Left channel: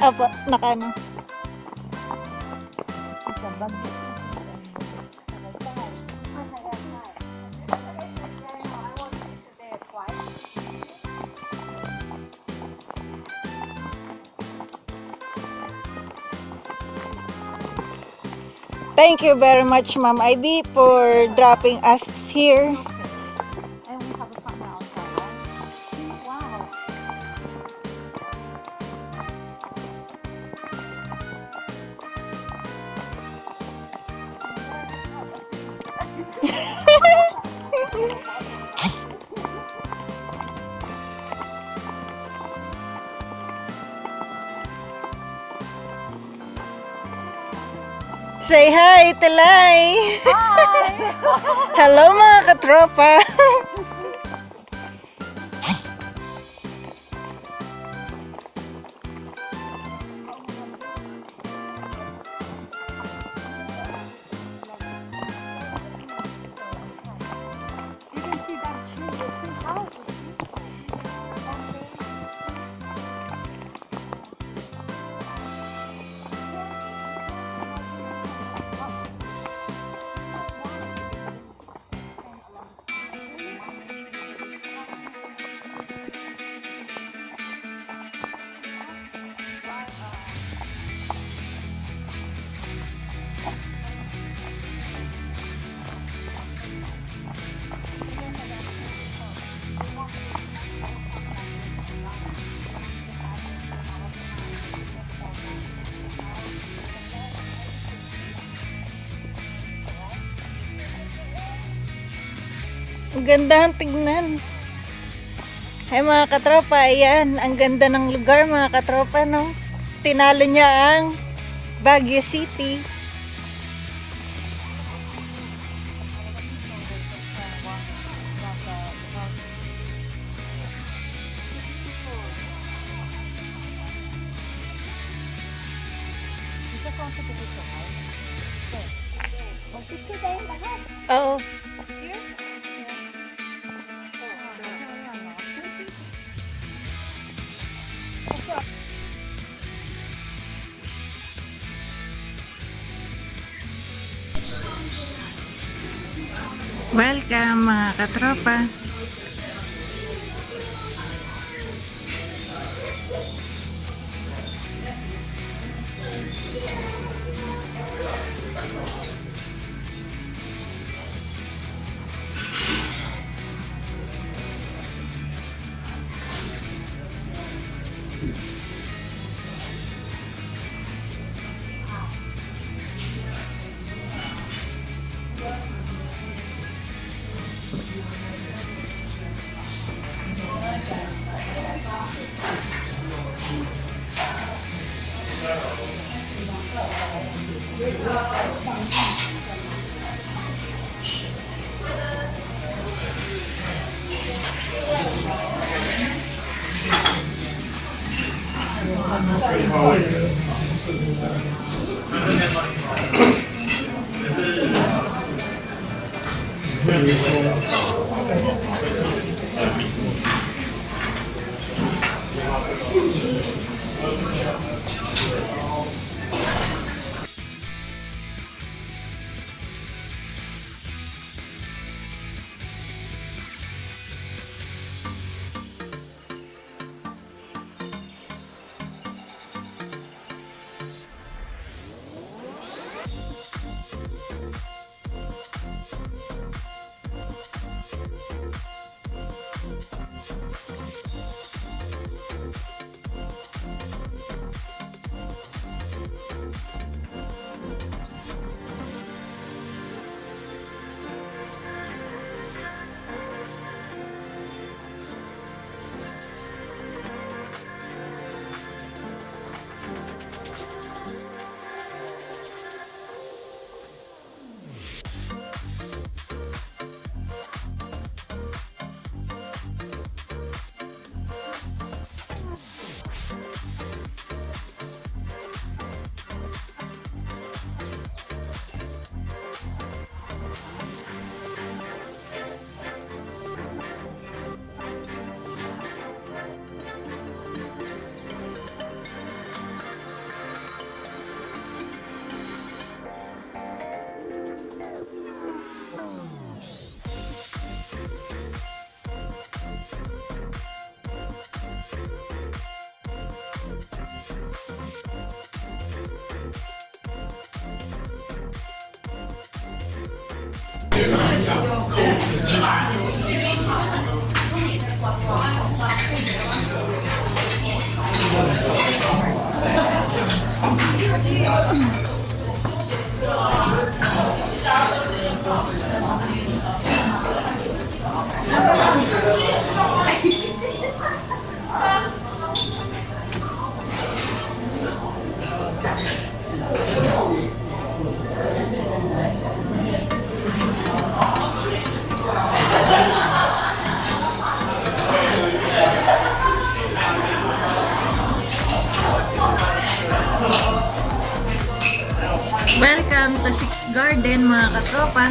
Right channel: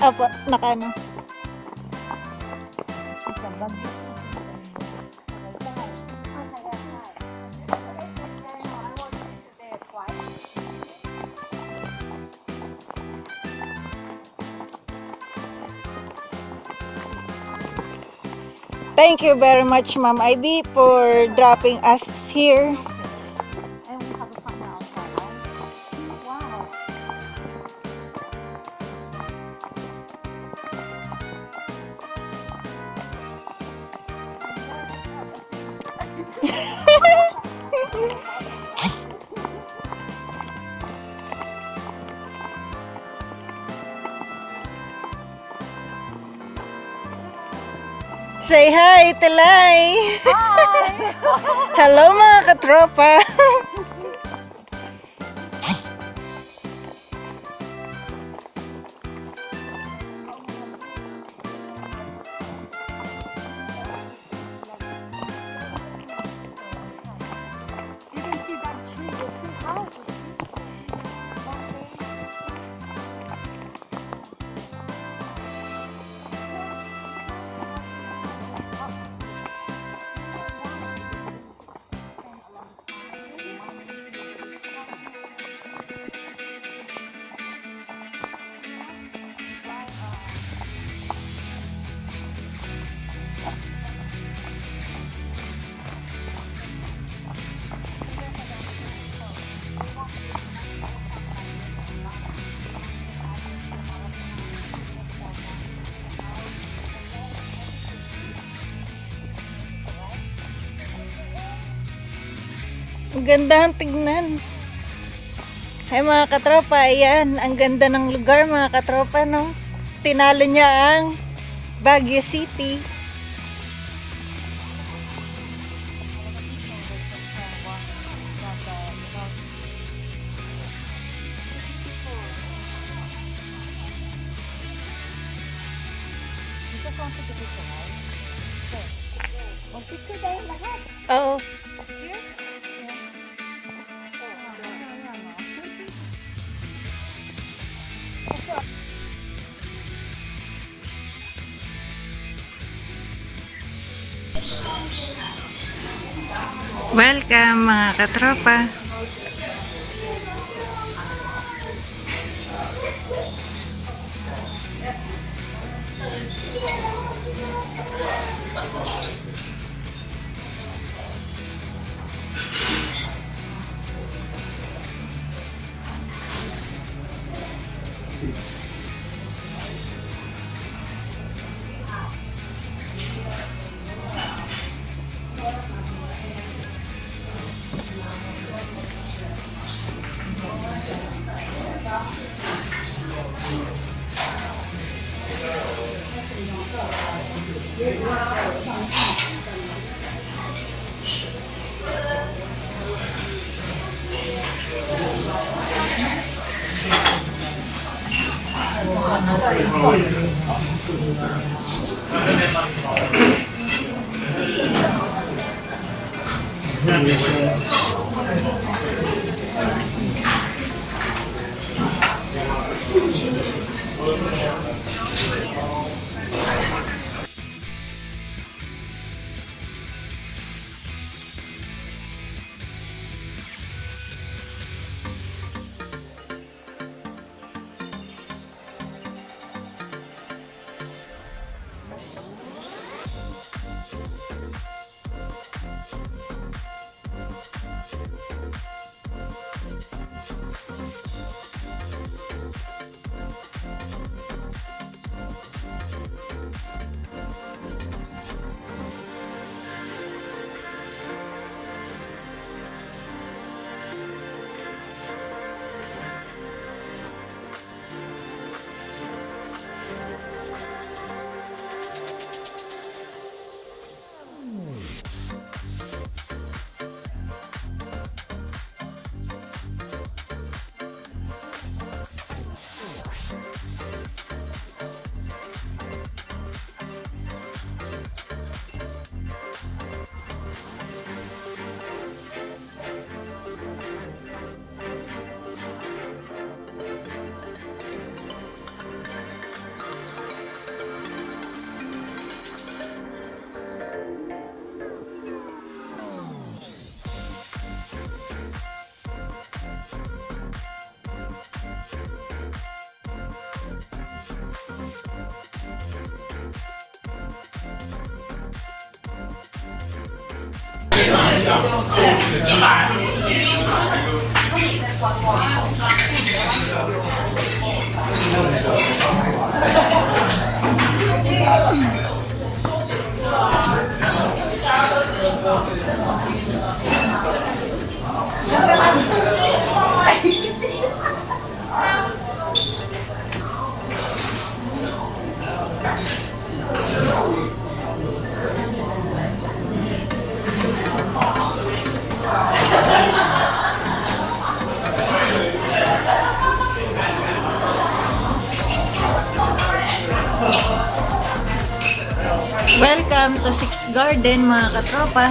Apo, nakano. Sa bag. Thank you very much, Ma'am Ivy, for dropping us here. And we have a partner outside. Wow. Say hi, Telay! Hi! Hello mga katropa! You can see that tree, the tree house. Ang ganda ang tignan. Ay mga katropa, ayan. Ang ganda ng lugar mga katropa, no? Tinalo niya ang Baguio City. You just want to take a picture, right? Okay. Mag-picture tayong lahat. Oo. Here? Yeah. Welcome mga katropa. Welcome to Six Garden mga katropa.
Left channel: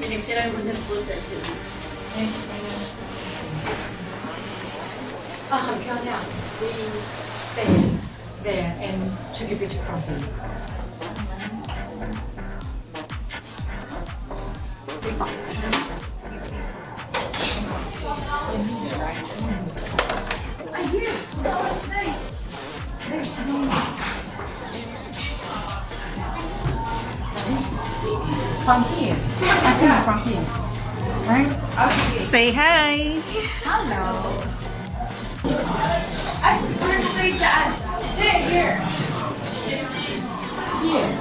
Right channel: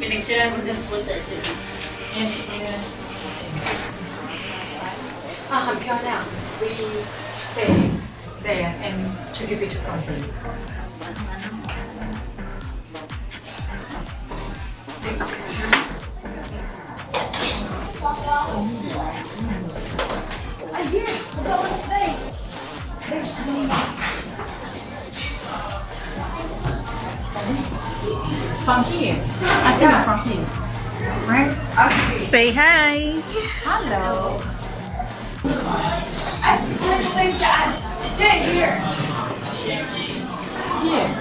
Pinagsiran mo din po sa dyan. Pyongyang, we stay there and to give it to company. From here. I think from here. Right? Okay. Say hi! Hello. Here.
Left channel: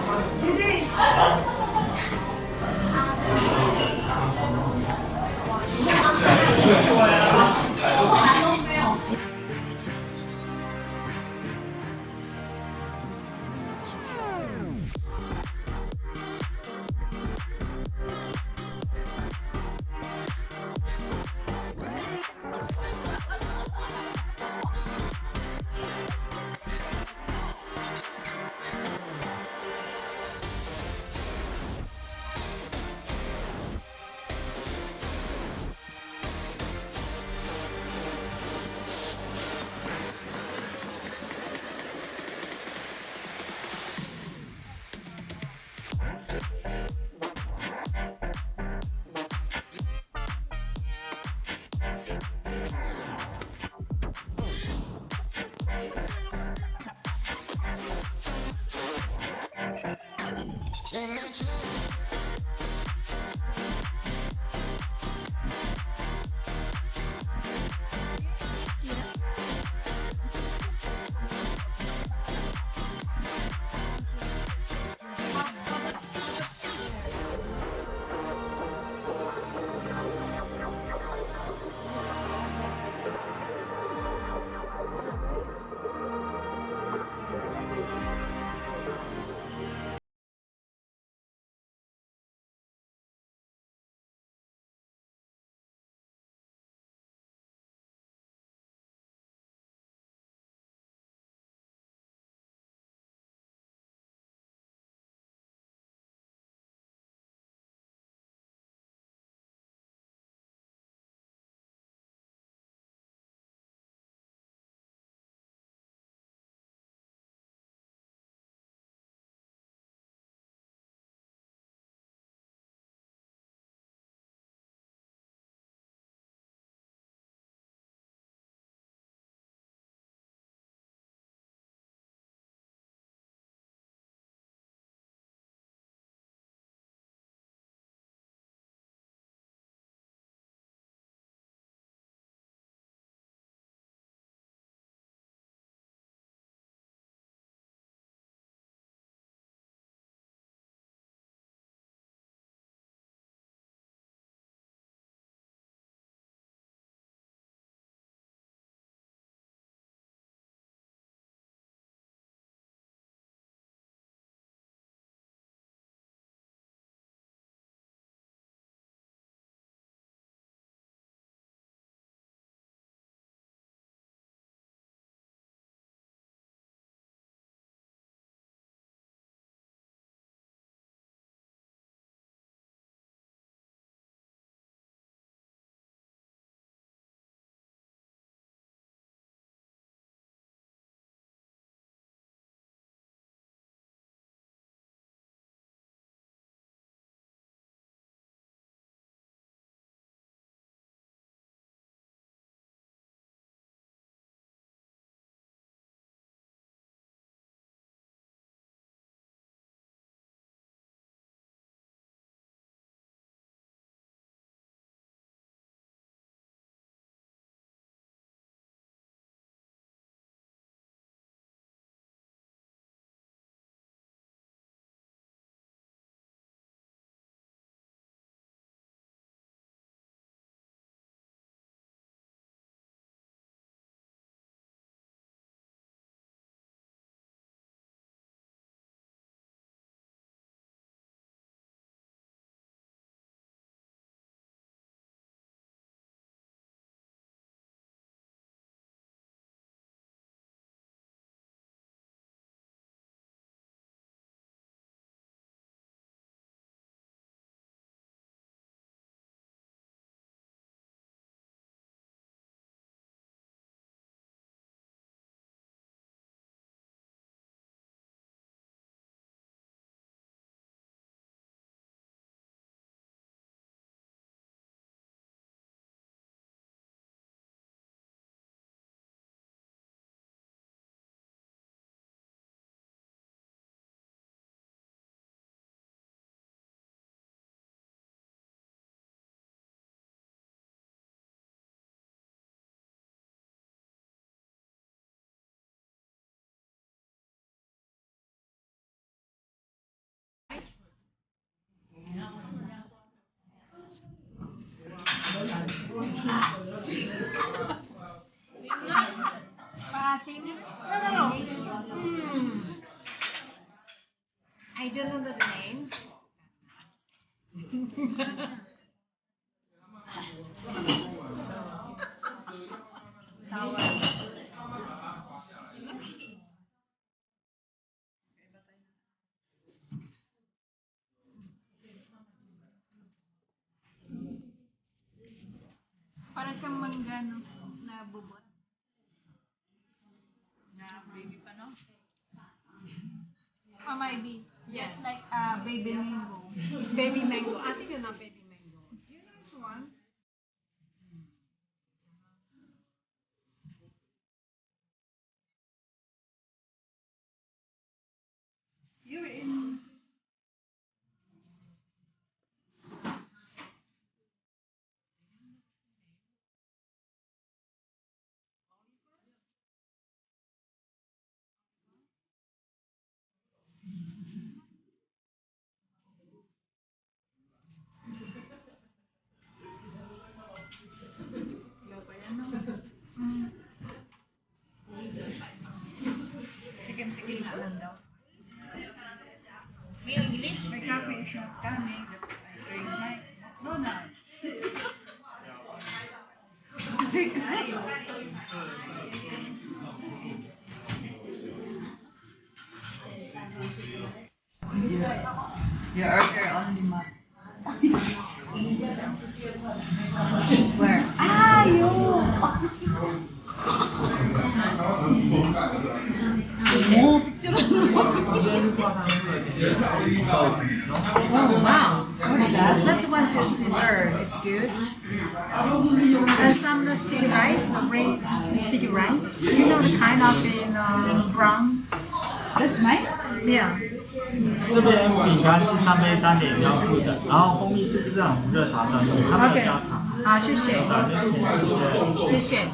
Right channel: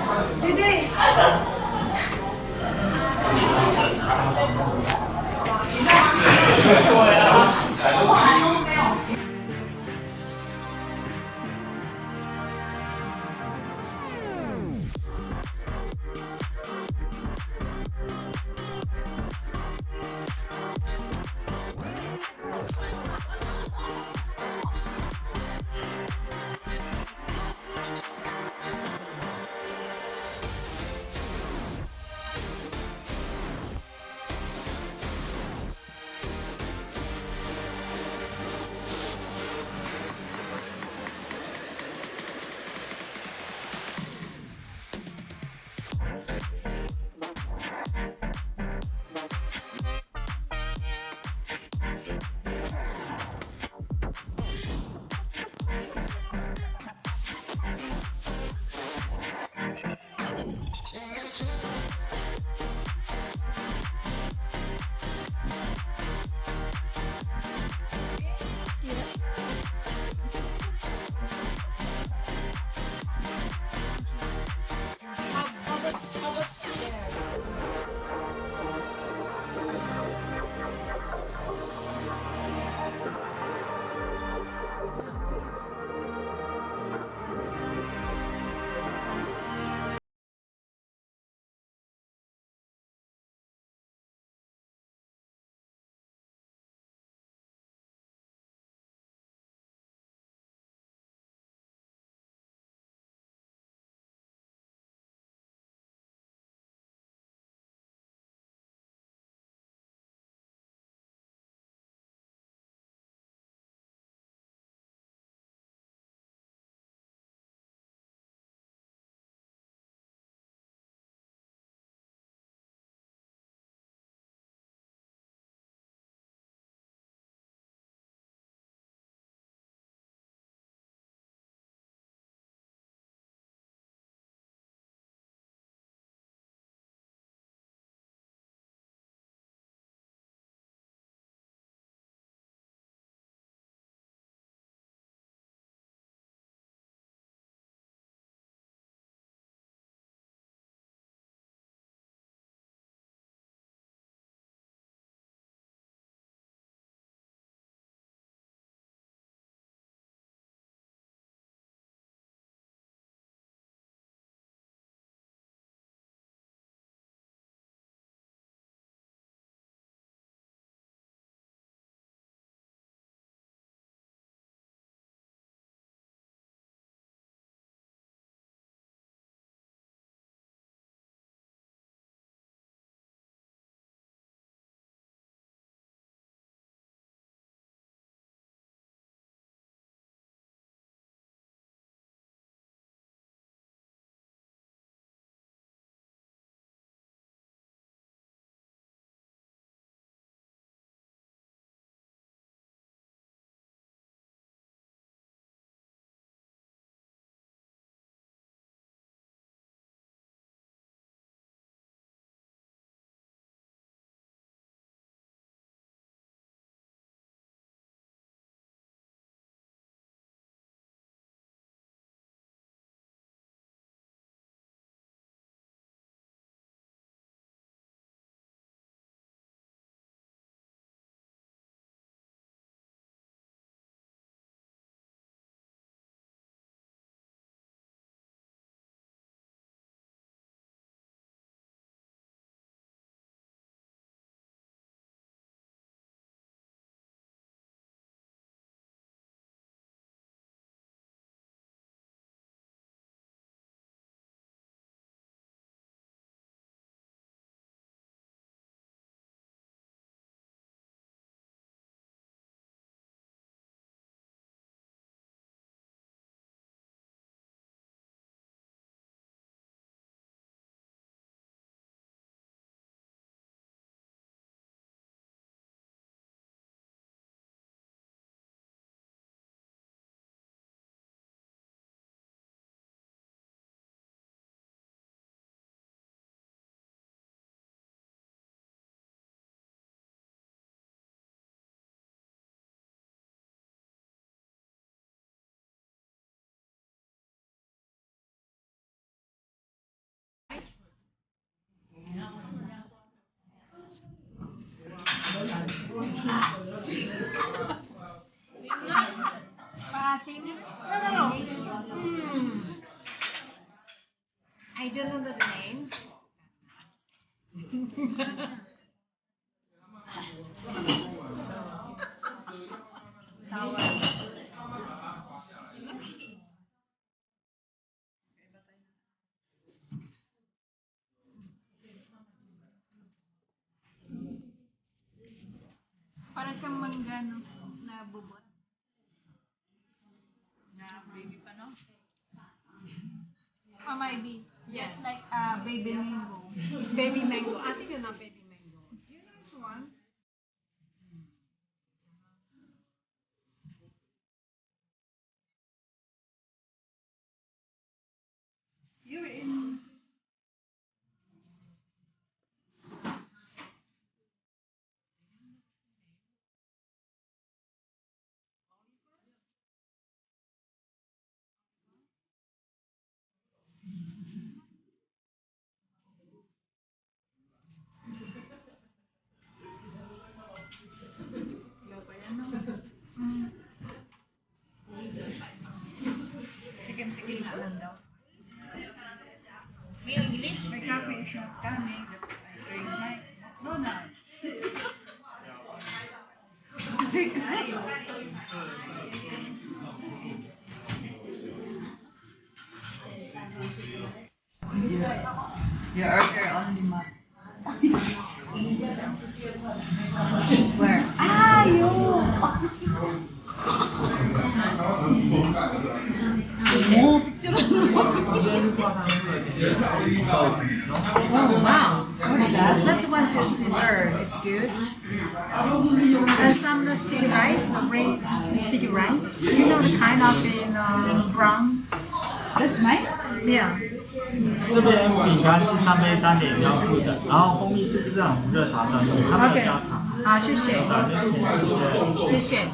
team? No. I don't know the name. Para siyang mangga, no? Na bubot. Na baby pa, no? Oh, maybe. Just like baby mango. Baby mango. I think it's not baby mango. Do you know this one? You're in. Tigil na lang daw. May English? My coffee is not coming. I drink my McDonald's. You order only ma. Where? Ah, yun! Oh wow! What is that? That's one dessert. It's good. And some sticky rice, sticky rice. You know the kind of in brown. That's mine. Yeah. 这边饼干是3杯3.1附的，然后蜂蜜是这种热茶的，他们加糖。好，谢谢。谢谢。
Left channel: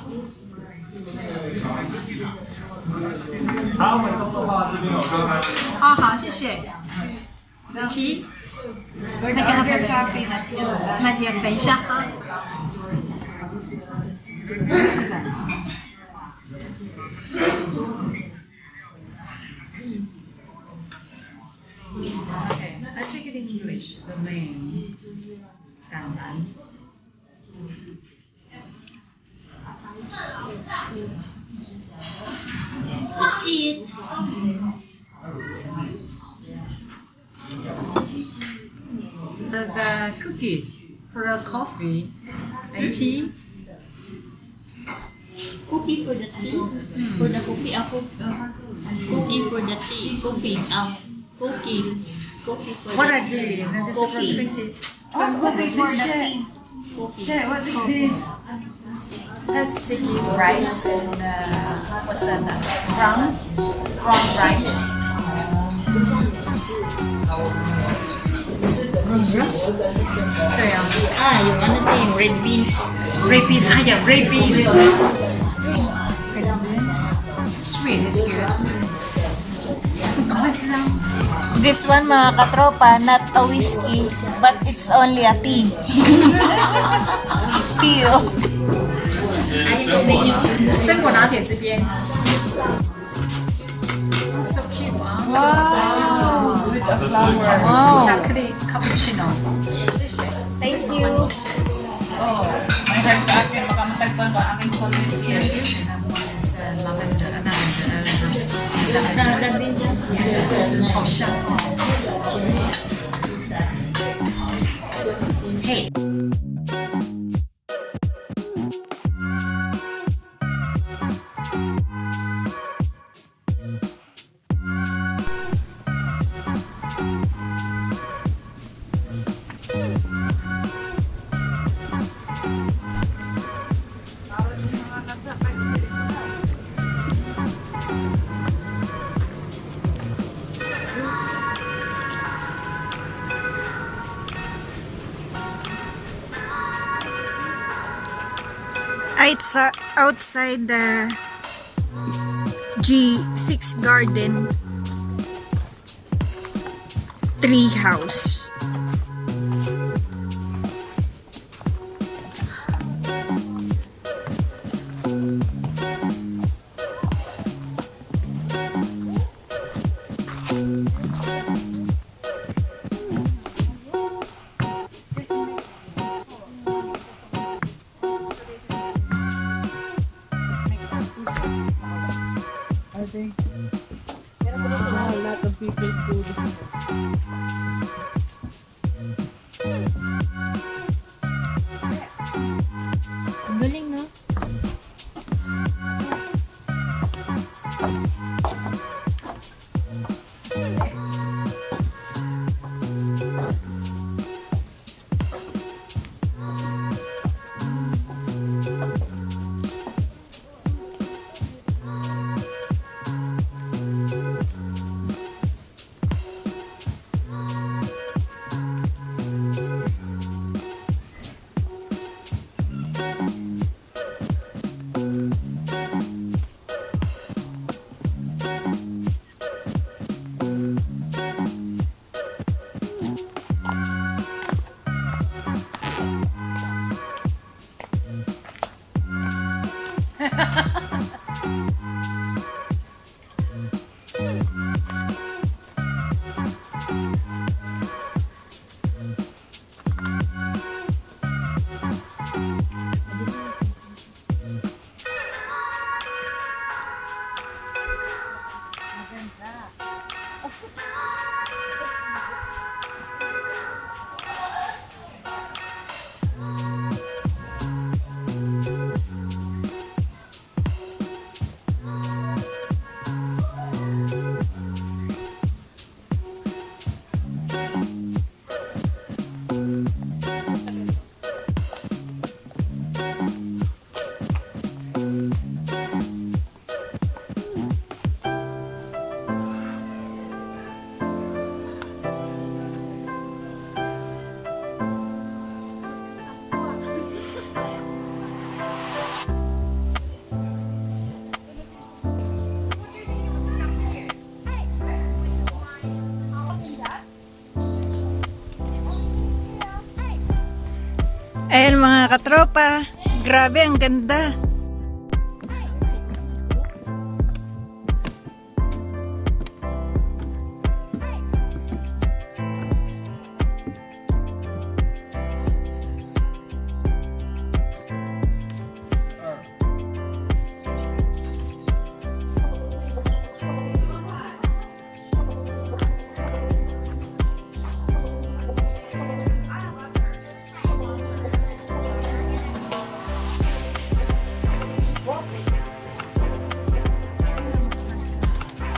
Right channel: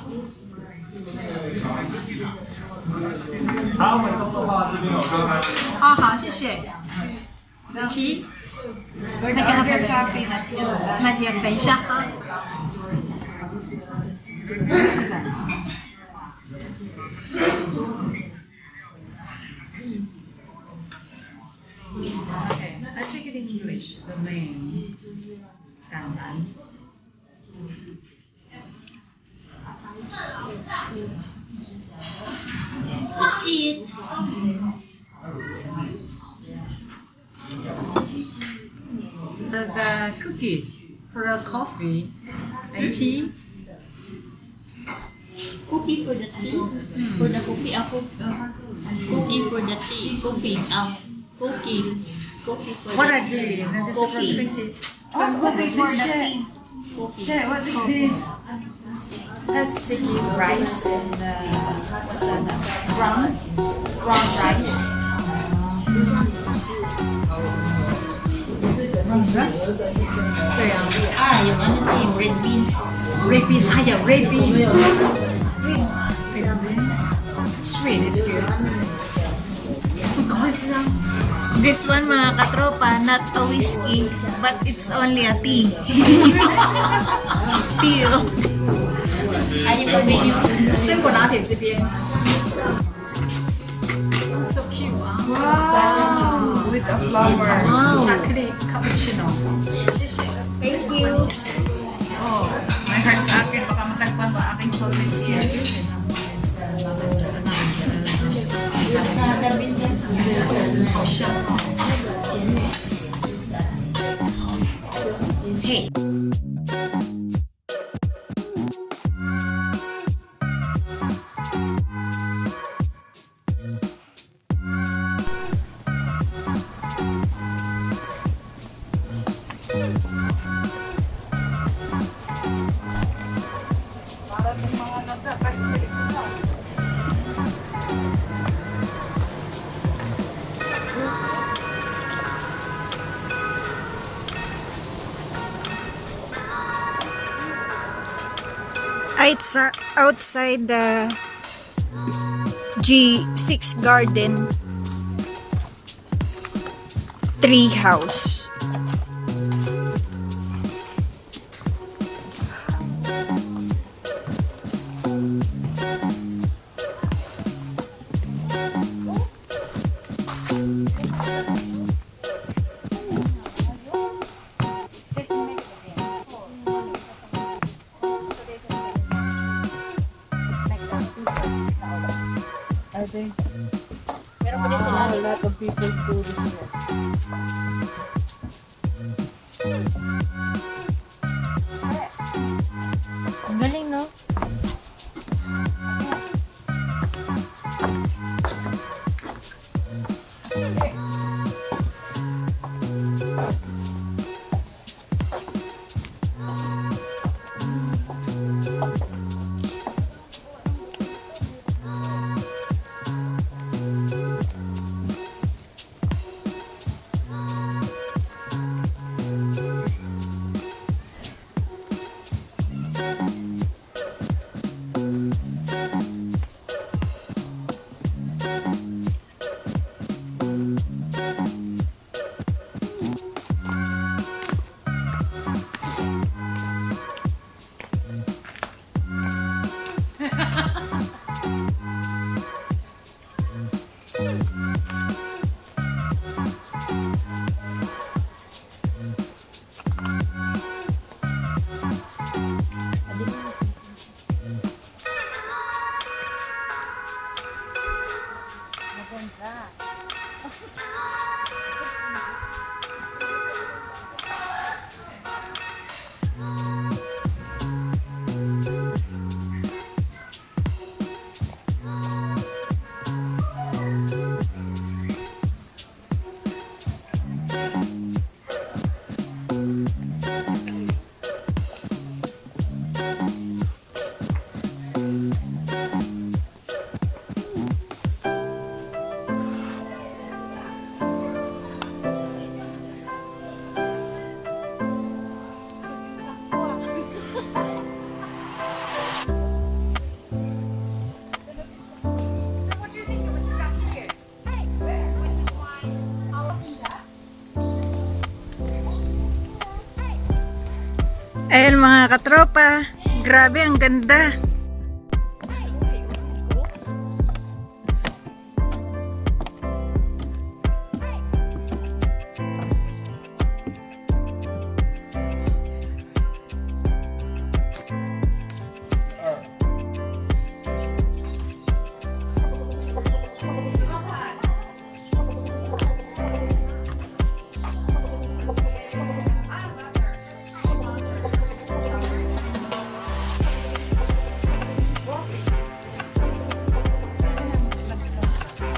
然后回收的话，这边有跟他。哦，好，谢谢。提。那个咖啡那天等一下哈。Okay, let's take it in English. The name. Dandan. Eat. The cookie for the coffee and tea. Cookie for the tea. For the cookie, cookie for the tea. Cookie, cookie. Cookie for What the are they? And this is for Cookie. 20. What is this? Cookie. What is this? That's sticky rice and what's that? Brown rice. Yung ano to yung red beans. Red bean. Yeah, red bean. Sweet, it's good. This one, mga katropa, not a whiskey, but it's only a tea. Tea, oh. 榛果拿铁这边。So cute, huh? Wow. With a flower. Wow. Chocolate cappuccino. 谢谢。Thank you. 哦，may time sa akin, baka masagpan ko aking solid siya. Lavender. Nalagyan dyan. 好香哦。嘿。It's outside the G6 Garden tree house. Ayan mga katropa, grabe ang ganda.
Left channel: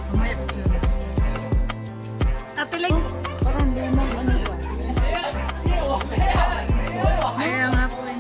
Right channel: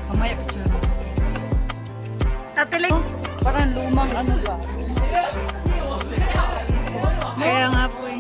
Mamaya picture. Ate Ling, Parang lumang ano ba? kaya nga po eh.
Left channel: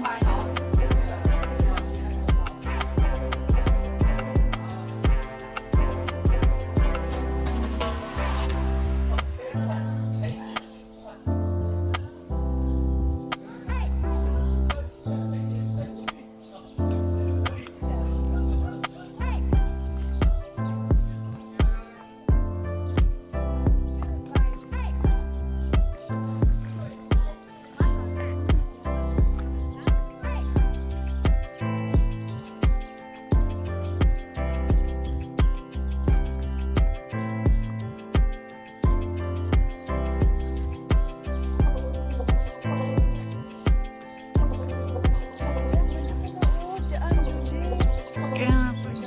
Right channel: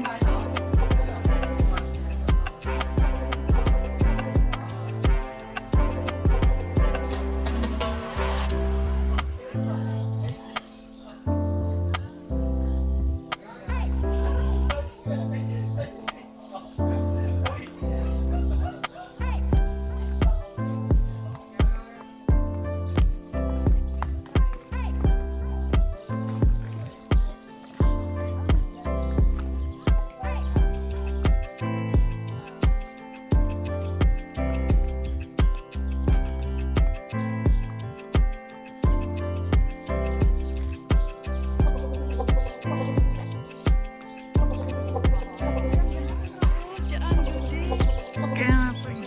Kaya nga po eh.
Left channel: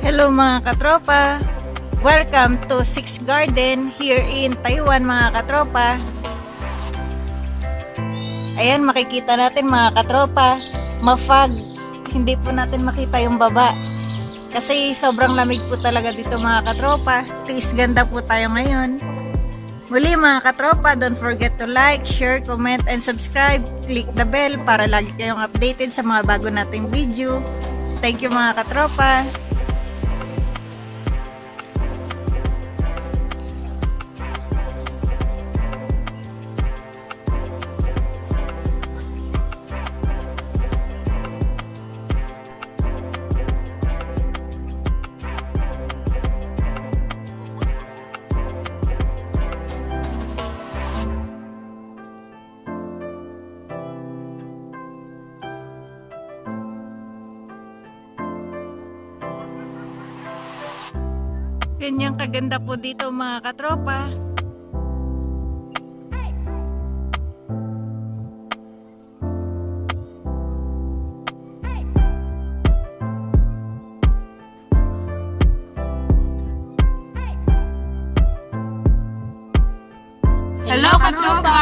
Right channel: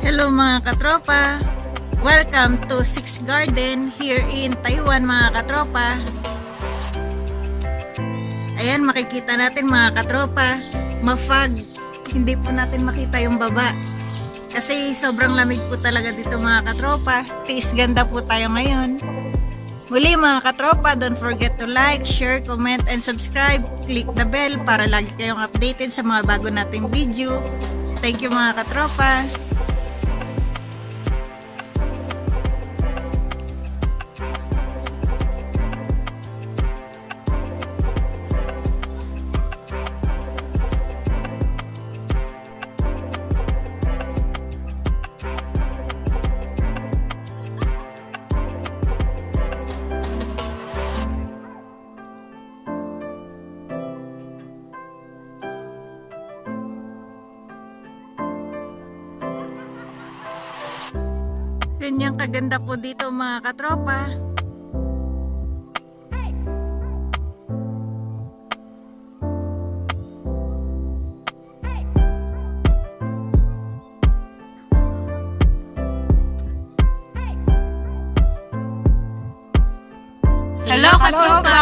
Hello mga katropa! Welcome to Six Garden here in Taiwan mga katropa. Ayan, makikita natin mga katropa, mafag. Hindi po natin makita yung baba. Kasi sobrang lamig po talaga dito mga katropa. Tiis ganda po tayo ngayon. Muli mga katropa, don't forget to like, share, comment, and subscribe. Click the bell para lagi kayong updated sa mga bago nating video. Thank you mga katropa. Ganyang kaganda po dito mga katropa. Hello, katropa!